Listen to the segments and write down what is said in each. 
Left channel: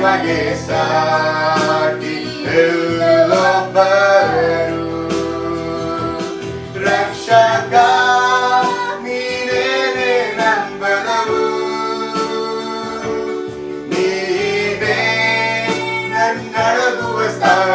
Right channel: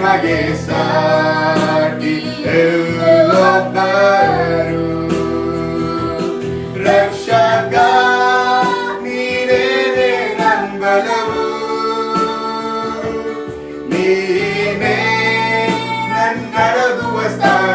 majestate eu adoro ರಕ್ಷಕ ನೀನೇ ನಂಬಲವು ನೀನೇ ನನ್ನಡಗುವ ಸ್ಥಾನ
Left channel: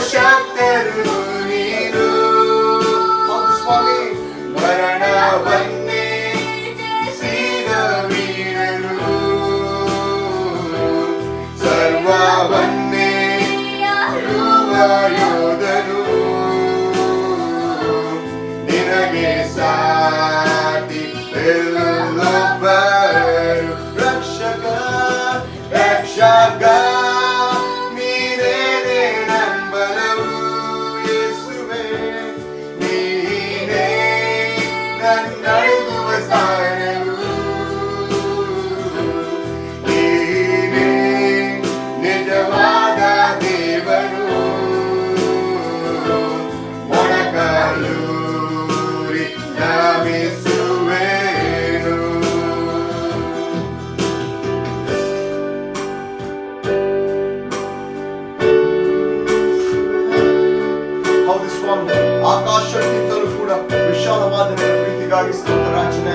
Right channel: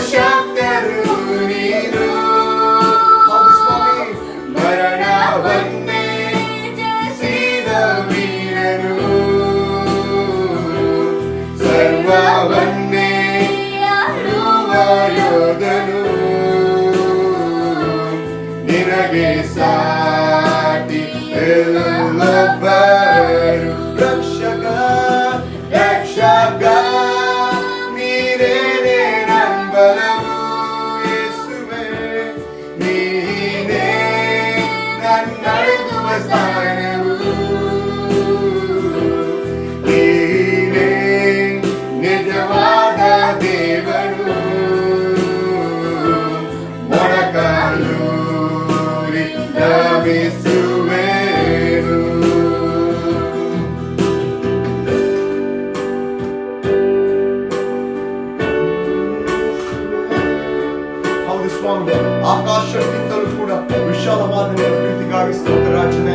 Show. ಶಾಲ ಮಾದನೆ ಪ್ರೀತಿಗಾಗಿ ಸ್ತೋತ್ರ ರಚನೆ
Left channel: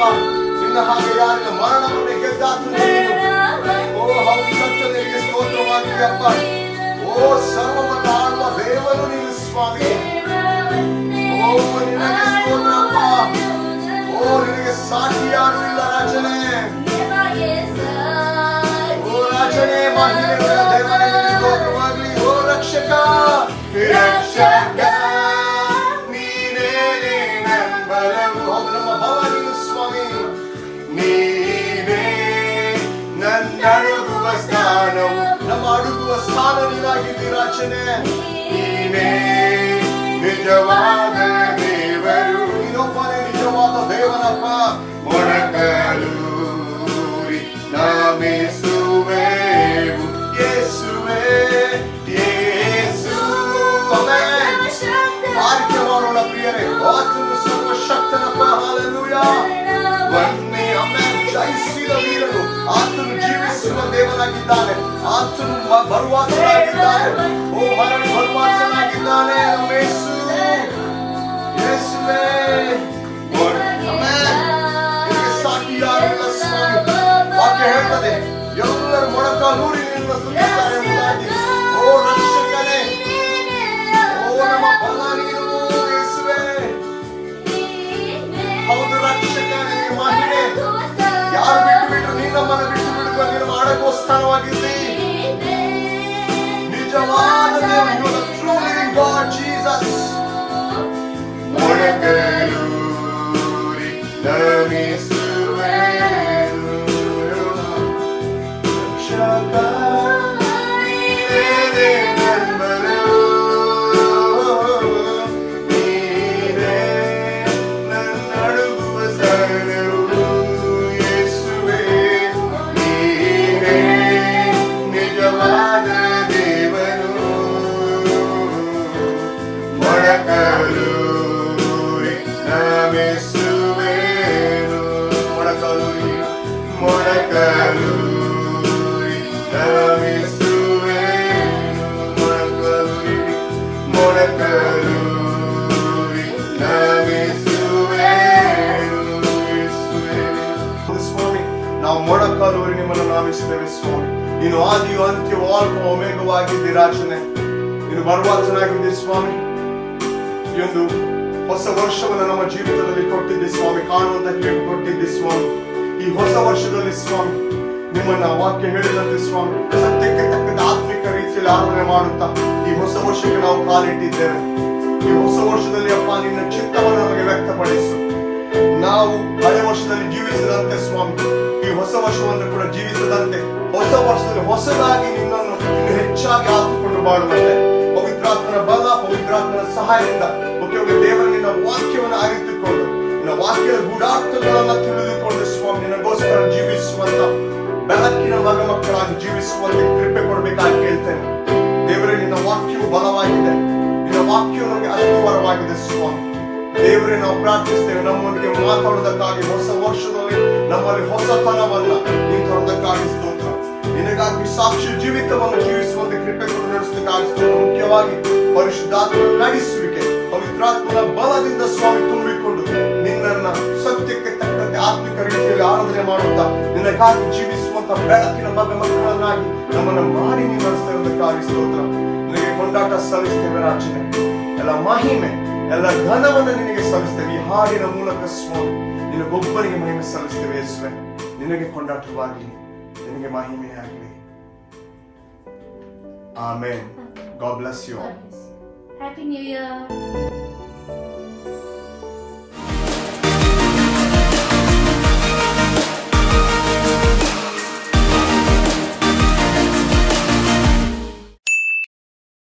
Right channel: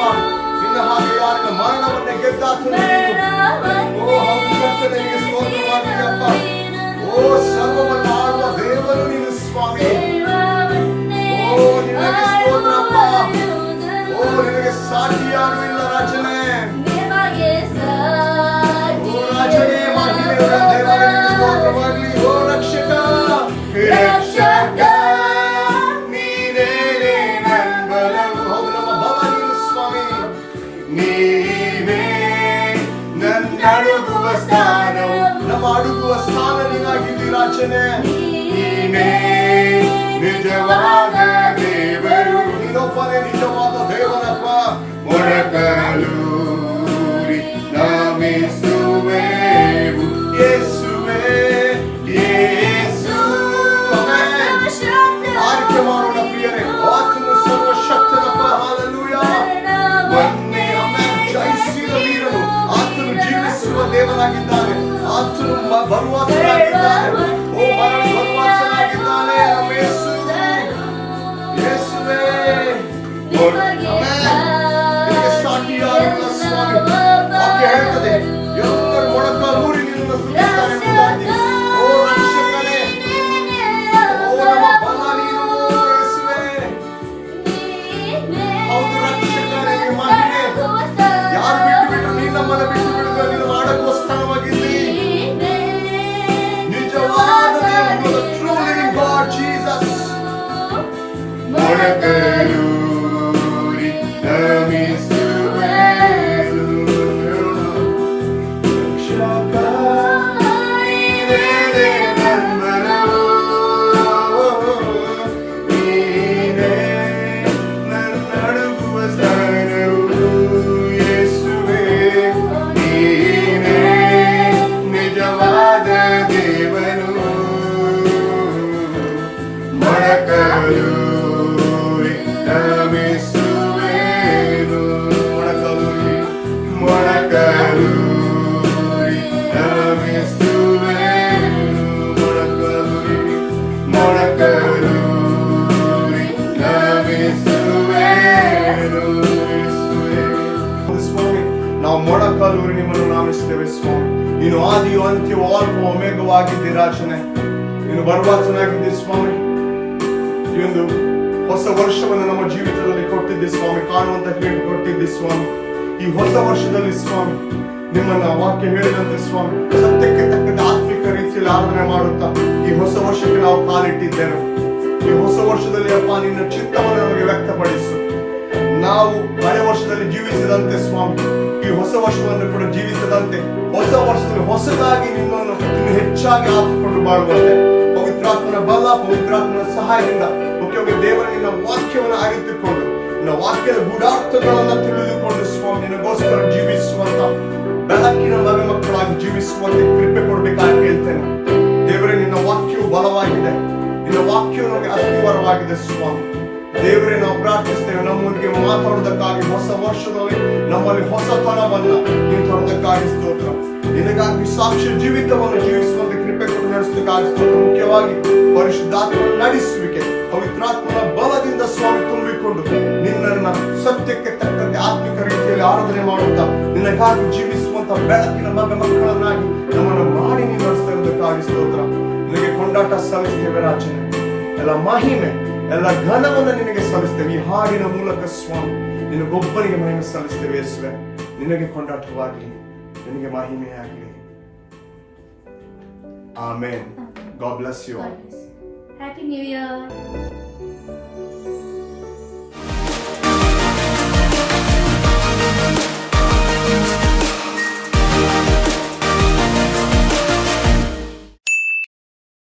பார்ப்பான் சின்னகாகையாக மರಣವನ್ನು எத்தாத்துண்டு ஓ హంసత్తునికి స్తోత్రమానికి అప్ప ఓ సర్వమన్నాళ్ళ దేవను నేను స్వామి ఓ నినగే స్తోత్రప్ప ఓ నినగే సాక్షియాను ఇల్ల రచన ನಡೆಯುವ ಸ್ಥಾನವು ನಮ್ಮ ಅಡುಗುವ ಸ್ಥಾನ ನೀನಾಗಿದ್ದೀ ರಾಜನೆ ನಿಜವಾದ ದೇವರು ಇನ್ನೊಬ್ಬನೇ ನಿಜವಾದ ದೇವರಪ್ಪ ಒಳಗಲು ದೇವನಾಗಿದ್ದಾನೆ ಆತನು ಮ- ಬರುವಾತನಾಗಿದ್ದಾನೆ ಓ ಮರಣ ಬರುವಾತನಾಗಿದ್ದಾನೆ ನಮ್ಮ ಯೇಸು ಯೇಸುವೇ Father. ಮೊಳಕಾಲೂರಿ ನಿಮ್ಮನ್ನು ನಾಮಿಸುತ್ತೇವೆ ಸ್ವಾಮಿ. ನೀನು ಆದಿಯು ಅಂತ್ಯವು ಅಲ್ಪ ಒಮೆಗವಾಗಿದ್ದೆ ರಾಜನೇ. ನೀನು ಬರುವಾಚನಾಗಿದ್ದೆ ಸ್ವಾಮಿ. ಒಂದು ಹೊಸ ವರ್ಷವನ್ನು ನಮ್ಮ ಜೀವಿತದಲ್ಲಿ ಕೊಟ್ಟಿದ್ದೆ ಸ್ವಾಮಿ, ಕಾಣುವಂತ ಹೇಳಿ ಕೊಟ್ಟಿದ್ದೆ ಸ್ವಾಮಿ. ಈ ಹೊಸ ವರ್ಷದಲ್ಲಿ ಸ್ವಾಮಿ, ನಿಮ್ಮನ್ನ ವಾಕ್ಯ ಹೇಳಿದಂತೆ ಸ್ವಾಮಿ, ಸತ್ಯಕ್ಕೆ ತಕ್ಕದ ಆತ್ಮಿಕ ರೀತಿಯಲ್ಲಿ ಆರಾಧನೆ ಮಾಡುತ್ತಾ ಈ ಹೊಸ ವರ್ಷಕ್ಕೆ ನಾವು ಕಾಲಿಟ್ಟಿದ್ದೇವೆ. ಈ ಹೊಸ ವರ್ಷದಲ್ಲಿ ಅಪ್ಪ, ನಿನ್ನ ಚಿತ್ತವನ್ನು ನಮಗೆ ವ್ಯಕ್ತಪಡಿಸು. ನಾವು ಹಳೆ ವರ್ಷದಲ್ಲಿ ಜೀವಿಸಿದಂತೆ ಸ್ವಾಮಿ ಹೊಸ ವರ್ಷವನ್ನು ಕೂಡ ಜೀವಿಸದಂತೆ, ಹೊಸ ವರ್ಷದಲ್ಲಿ ಹೊಸದಾಗಿ ನಿನ್ನನ್ನು ಇನ್ನು ಹೆಚ್ಚಾಗಿ ಹಾಕಿಕೊಂಡು ಬಾಳುವಂತೆ ಪವಿತ್ರಾತ್ಮನ ಬಲ, ಪವಿತ್ರಾತ್ಮನ ಸಹಾಯದಿಂದ ಮುಖ್ಯವಾಗಿ ದೇವರ ನಿನ್ನ ವಾಕ್ಯವನ್ನು ಅರಿತುಕೊಂಡು, ನಿನ್ನ ವಾಕ್ಯದ ಗೂಢಾರ್ಥಗಳನ್ನು ತಿಳಿದುಕೊಂಡು ಸ್ವಾಮಿ, ನಿನಗೋಸ್ಕರ ಜೀವಿಸುವಂತ ಬೆಳಕಿನ ಮಗ ಮಕ್ಕಳಾಗಿ ಜೀವಿಸುವಂತೆ ಕೃಪೆ ಕೊಡಬೇಕಾಗಿ ಕೇಳ್ತೇನೆ. ದೇವರೇ, ನಿನ್ನ ವಾಕ್ಯವು ಬಲವಾಗಿದೆ. ನಿನ್ನ ವಾಕ್ಯವು ನಮಗೆ ಅಸ್ತಿವಾರವಾಗಿದೆ ಸ್ವಾಮಿ. ದೇವರೇ, ನಾವು ಪ್ರಾರ್ಥಿಸ್ತೇವೆ, ನಮ್ಮೊಂದಿಗೆ ಮಾತಾಡೋದಕ್ಕಾಗಿ ಹೊಸ ವರ್ಷದಲ್ಲಿ ನಮ್ಮಲ್ಲಿ ಹೊಸತನವನ್ನ ನೀವು ತೊಡೋದಕ್ಕಾಗಿ ಸ್ತೋತ್ರ. ನಿನಗಾಗಿ ಸಾಕ್ಷ್ಯ ಜೀವಿತವನ್ನು ಜೀವಿಸುವಂತೆ ಕೃಪೆ ಕೊಡು ನಡೆಸೋದಕ್ಕಾಗಿ ಸ್ತೋತ್ರ. ಮುಖ್ಯವಾಗಿ ಪರಿಶುದ್ಧಾತ್ಮ ನಡೆಸುವಿಕೆ, ಪವಿತ್ರಾತ್ಮನ ಬಲದಿಂದ ಸ್ವಾಮಿ ತುಂಬಿಕೊಂಡು ನಿನ್ನನ್ನ ಸತ್ಯಕ್ಕೆ ತಕ್ಕಂತೆ ಆತ್ಮಿಕ ರೀತಿಯಲ್ಲಿ ಆರಾಧನೆ ಮಾಡುತ್ತಾ, ನಿನಗಾಗಿ ಜೀವಿಸುವಂತ ಬೆಳಕಿನ ಮಗ ಮಕ್ಕಳನ್ನಾಗಿ ನಮ್ಮನ್ನು ಮಾಡಿ ನೀವು ನಡೆಸ್ತಾ ಇರೋದಕ್ಕಾಗಿ ಸ್ತೋತ್ರ. ನಿನಗೆ ಕೊಂಡಾಟ ಸಲ್ಲಿಸ್ತೇವೆ ರಾಜನೇ. ಎಲ್ಲ ಮಹಿಮೆ ಎಲ್ಲ ಘನವನ್ನು ನಿನಗೆ ಸಲ್ಲಿಸ್ತೇವೆ ಈ ಹಾಡಿನ ಮೂಲಕ ಸ್ವಾಮಿ ನಿನಗೊಬ್ಬರಿಗೆ ಮಹಿಮೆ ಸಲ್ಲಿಸ್ತೇವೆ ಯೇಸುವೆ. ನಿನಗೆ ಕೊಂಡಾಟವಾಗಲಿ ನಿನಗೆ ಮಹಿಮೆಯಾಗಲಿ. Amen. God bless you all. Happy New Year.